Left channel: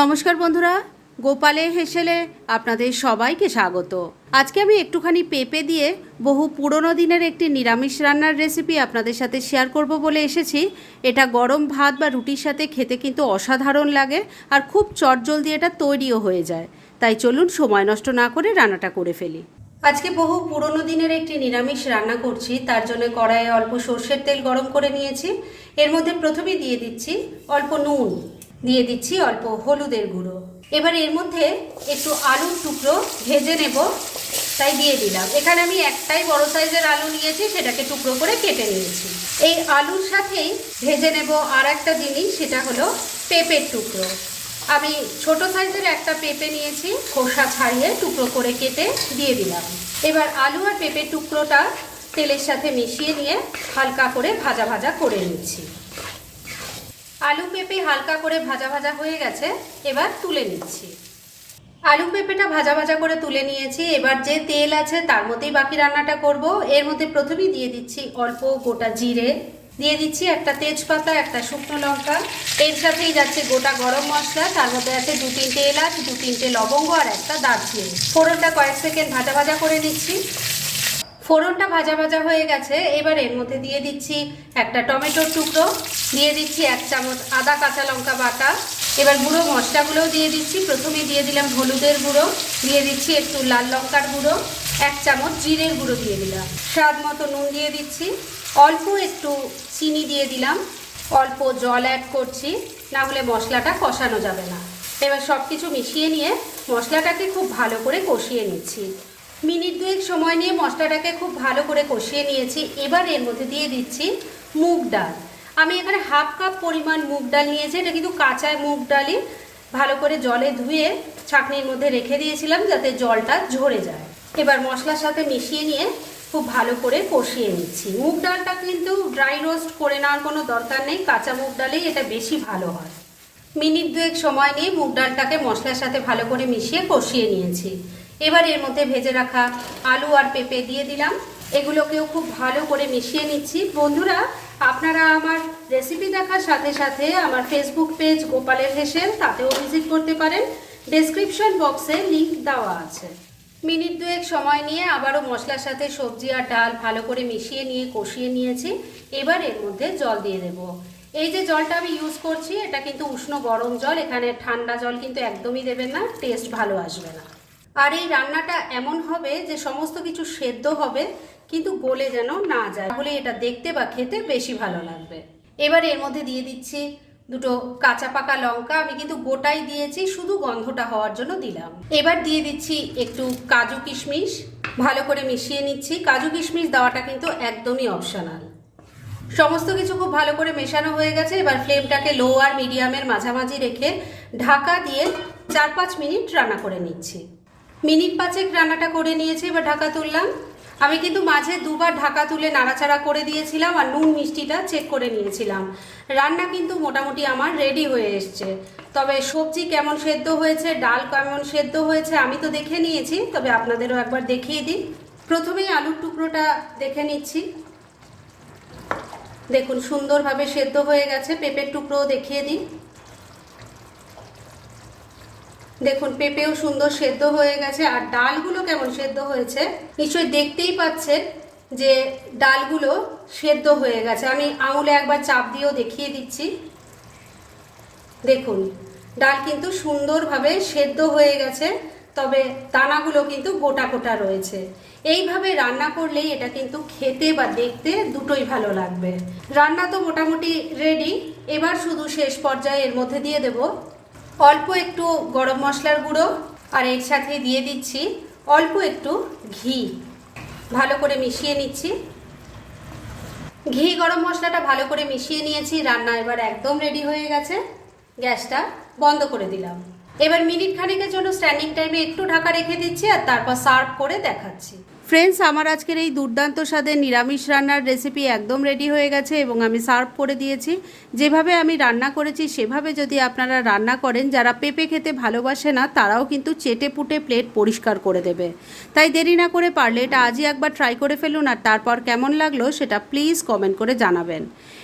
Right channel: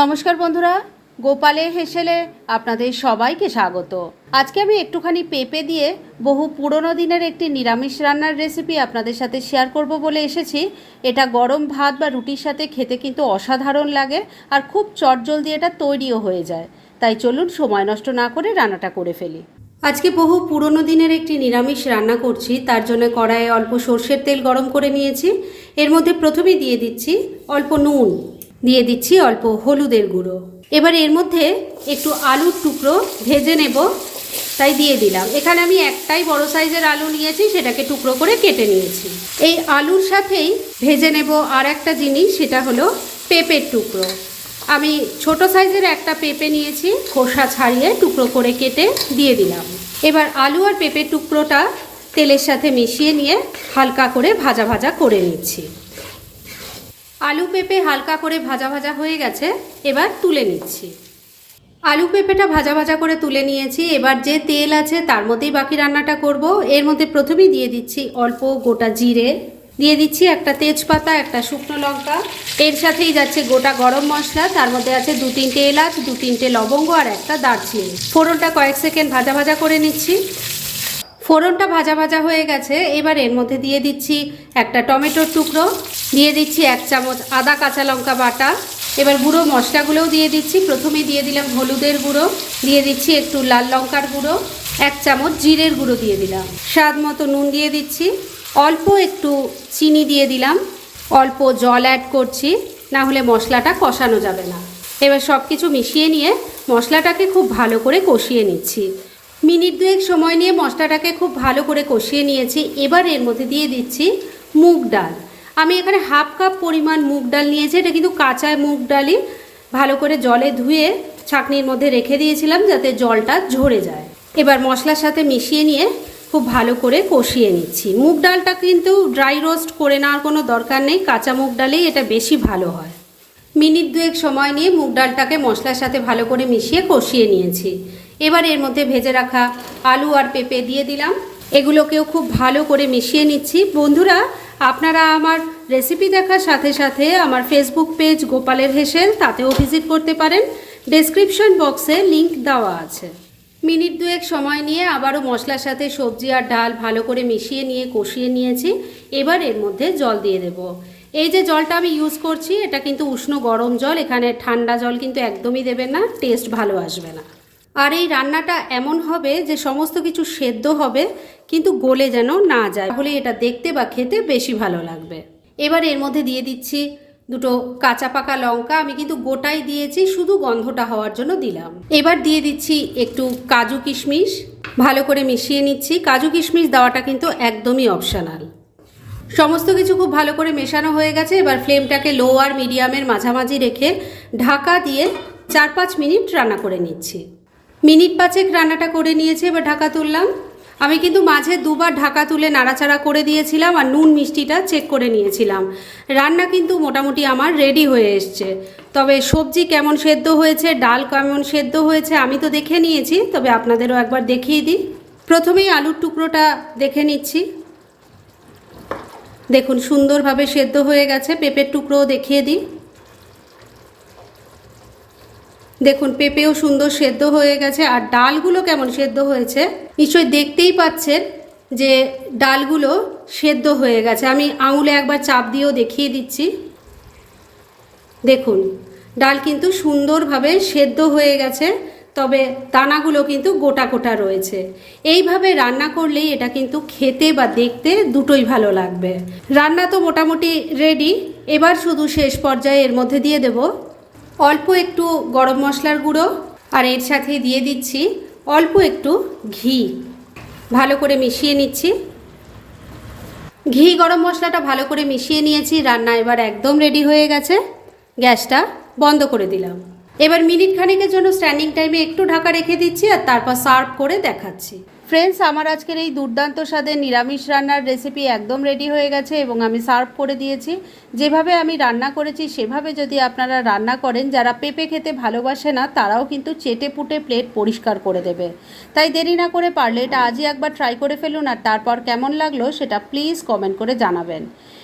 নমস্কার বন্ধুরা গোপালে হেসেলে আপনাদের সবাইকে স্বাগত। আজকে আমি একটুখানি পেঁপে দিয়ে বহু পুরনো দিনের একটি নিরামিষ রান্নার রেসিপি আপনাদের সাথে শেয়ার করব বলে এসেছি। এটা গরম ভাত বা রুটির সাথে খেতে কিন্তু অসাধারণ লাগে আর খুব চটজলদি এটা তৈরিও হয়ে যায়। তাই চলুন সময় নষ্ট না করে রান্নাটা করে ফেলি। আজকে বহু পুরনো দিনের একটি নিরামিষ রান্না করছি, তার জন্য কড়াইয়ে অল্প সর্ষের তেল গরম করে নিয়েছি। এর মধ্যে প্রথমেই দিয়ে দিচ্ছি অল্প নুন। দিয়ে দিচ্ছি অল্প হলুদের গুঁড়ো। এবার এর মধ্যে একটু আলুর টুকরো ভেজে নেব, তাই দিয়ে দিলাম। এখানে আমি একটাই বড় সাইজের আলু নিয়েছি, সেটাকে টুকরো করে কেটে নিয়েছি। এই আলুর সাথেই ভেজে নেব আর একটা জিনিস, সেটা হলো পেঁপের টুকরো। আমি ছোট সাইজের একটা পেঁপে নিয়েছি, খোসা ছাড়িয়ে টুকরো করে কেটে দিয়ে দিলাম। এবার আলু আর পেঁপের টুকরোটা তেলের সাথে মিশিয়ে নিয়ে হালকা করে ভাজা ভাজা করে নিচ্ছি। আলু পেঁপে হালকা করে ভাজা ভাজা হয়ে গেছে, এবার তুলে নিচ্ছি। আলু পেঁপেটা ভাজা ভাজা করে তুলে নিয়েছি, এবার যে তেল আছে তার মধ্যেই বাকি রান্নাটা করব। এর মধ্যে প্রথমেই দিয়ে দিচ্ছি অল্প গোটা জিরে, দিয়ে দিচ্ছি একটা তেজপাতা, একটা শুকনো লঙ্কা। এর সাথেই যাচ্ছে গোটা গরম মশলা, তার মধ্যে আছে দু তিনটে এলাচ, দু তিনটে লবঙ্গ আর একটা দারচিনি। ফোড়নটা কয়েক সেকেন্ড ভাজা ভাজা করে নিচ্ছি। ফোড়নটা ভাজা ভাজা হয়ে গেছে। এবার এর মধ্যে দিয়ে দিচ্ছি একটা টমেটোর টুকরো, দিয়ে দিচ্ছি এক চামচ আদা কাঁচা লঙ্কা বাটা। এবার গুঁড়ো মশলাগুলোও দিয়ে দিচ্ছি। প্রথমে দিয়ে দিলাম হলুদের গুঁড়ো, দিয়ে দিচ্ছি একটু লাল লঙ্কার গুঁড়ো, এক চামচ জিরের গুঁড়ো দিয়ে দিলাম। স্বাদ মতো নুন দিয়ে দিচ্ছি। অল্প একটু চিনি দিয়ে দিলাম। অল্প জল অ্যাড করছি, না হলে মশলাটা কষানো যাবে না। এবার সব কিছু মিশিয়ে নিয়ে মশলাটাকে খুব ভালো করে কষিয়ে নিচ্ছি। মিনিট দুয়েক সময় নিয়ে মশলাটাকে খুব ভালো করে কষিয়ে নিয়েছি। এবার এর মধ্যে দিয়ে দিচ্ছি মুগ ডাল। আমি এখানে হাফ কাপ পরিমাণ মুগ ডাল নিয়েছি। এটা কিন্তু কাঁচা মুগ ডালই। ভালো করে জলে ধুয়ে ছাঁকনির মধ্যে রেখে দিয়েছিলাম যাতে জলটা ঝরে যায়। এবার মশলার সাথে মিশিয়ে নিয়ে খুব ভালো করে কষিয়ে নিচ্ছি। মুগ ডালটা কিন্তু ড্রাই রোস্ট করে নেওয়ার কোনো দরকার নেই। কাঁচা মুগ ডালেই এটা বেশি ভালো হয়। মিনিট দুয়েক সময় নিয়ে মুগ ডালটাকে মশলার সাথে ভালো করে মিশিয়ে কষিয়ে নিয়েছি। এবার এর মধ্যে ভেজে রাখা আলু আর পেঁপে দিয়ে দিলাম। এগুলোকেও খুব ভালো করে মিশিয়ে নিচ্ছি। বন্ধুরা, আপনারা আমার রেসিপি দেখার সাথে সাথে আমার ফেসবুক পেজ গোপালের হেসেল, তাতেও ভিজিট করতে পারেন। ডেসক্রিপশন বক্সে লিংক দেওয়া আছে। মিনিট দুয়েক সময় নিয়ে আবারও মশলার সাথে সবজি আর ডাল ভালো করে মিশিয়ে নিয়ে কষিয়ে নিয়েছি। এবার এর মধ্যে জল দিয়ে দেব। এই যে জলটা আমি ইউজ করছি, এটা কিন্তু উষ্ণ গরম জল, এখানে ঠান্ডা জল কিন্তু একদমই দেবেন না টেস্ট ভালো আসবে না। আর এই রান্নাটা এমন হবে যে সমস্ত কিছু সেদ্ধ হবে, কিন্তু গলে যেন না যায়। তাহলে এটা দেখতে বা খেতে বেশি ভালো লাগবে। এবার এর মধ্যে দিয়ে দিচ্ছি দুটো কাঁচা পাকা লঙ্কা। আমি কিন্তু গোটাই দিয়েছি, শুধু গন্ধটা হওয়ার জন্য দিলাম। এবার দিয়ে দিচ্ছি একটু কাজু কিশমিশ। ভালো করে মিশিয়ে নিচ্ছি। কাজু কিশমিশ দেওয়াটা কিন্তু একদমই অপশনাল সমস্ত কিছু খুব ভালো করে মেশানো হয়ে গেছে। এবার ফ্লেমটাকে লো আর মিডিয়ামের মাঝামাঝি রেখে ঢাকা দিয়ে চার পাঁচ মিনিট রান্না করে নিচ্ছি। মিনিট পাঁচেক রান্নাটা করে নিয়েছি এবার ঢাকা তুললাম। আমি কিন্তু মাঝে দুবার ঢাকা তুলে নাড়াচাড়া করে দিয়েছিলাম আর নুন মিষ্টিটা চেক করে নিয়েছিলাম। রান্না কিন্তু মোটামুটি আমার রেডি হয়ে এসছে। তবে সবজি কেমন সেদ্ধ হয়েছে, ডাল কেমন সেদ্ধ হয়েছে আমি তো দেখে নিয়েছি, তবে আপনাদেরও একবার দেখিয়ে দিই। প্রথমেই আলুর টুকরোটা দেখে নিচ্ছি। দেখুন, সুন্দরভাবে সেদ্ধ হয়ে গেছে, পেঁপের টুকরোও দেখিয়ে দিই। দেখুন, পেঁপেও সুন্দর সেদ্ধ হয়ে গেছে। আর ডালগুলো কেমন সেদ্ধ হয়েছে? নিশ্চয়ই দেখতেই পাচ্ছেন যে ডালগুলো সেদ্ধ হয়ে গেছে। আমি আঙুলে একবার চাপ দিয়েও দেখিয়ে দিচ্ছি। দেখুন, ডাল কিন্তু সুন্দরভাবে সেদ্ধ হয়ে গেছে, তবে দানাগুলো কিন্তু গোটা গোটা রয়েছে। এইভাবে রান্না করলেই এটা কিন্তু খেতে বা দেখতে দুটোই ভালো লাগবে। রান্না তো মোটামুটি রেডি এবার শুধু শেষ পর্যায়ে এর মধ্যে দিয়ে দেব। অল্প একটু গরম মশলার গুঁড়ো আর এর সাথে দিয়ে দিচ্ছি অল্প একটু ঘি। ভালো করে মিশিয়ে নিচ্ছি। ঘি গরম মশলাটা ভালো করে মিশিয়ে নিয়েছি। রান্না এবার একদম রেডি হয়ে গেছে। গ্যাসটা বন্ধ করে দিলাম। এবার মিনিট খানিকের জন্য স্ট্যান্ডিং টাইমে একটু ঢাকা রেখে দিচ্ছি আর তারপর সার্ভ করে দেখাচ্ছি। ফ্রেন্ডস আমার আজকের এই দুর্দান্ত স্বাদের নিরামিষ রান্নার রেসিপি একদম রেডি হয়ে গেছে এবং আমি সার্ভ করে দিয়েছি। যেভাবে আমি রান্না করেছি, সেভাবে যদি আপনারা রান্না করেন, যারা পেঁপে খেতে ভালোবাসে না, তারাও কিন্তু চেটে পুটে প্লেট পরিষ্কার করে দেবে। তাই দেরি না করে পারলে এটা আজই একবার ট্রাই করে ফেলুন আর তারপর কেমন লাগল সেটা প্লিজ কমেন্ট করে জানাবেন।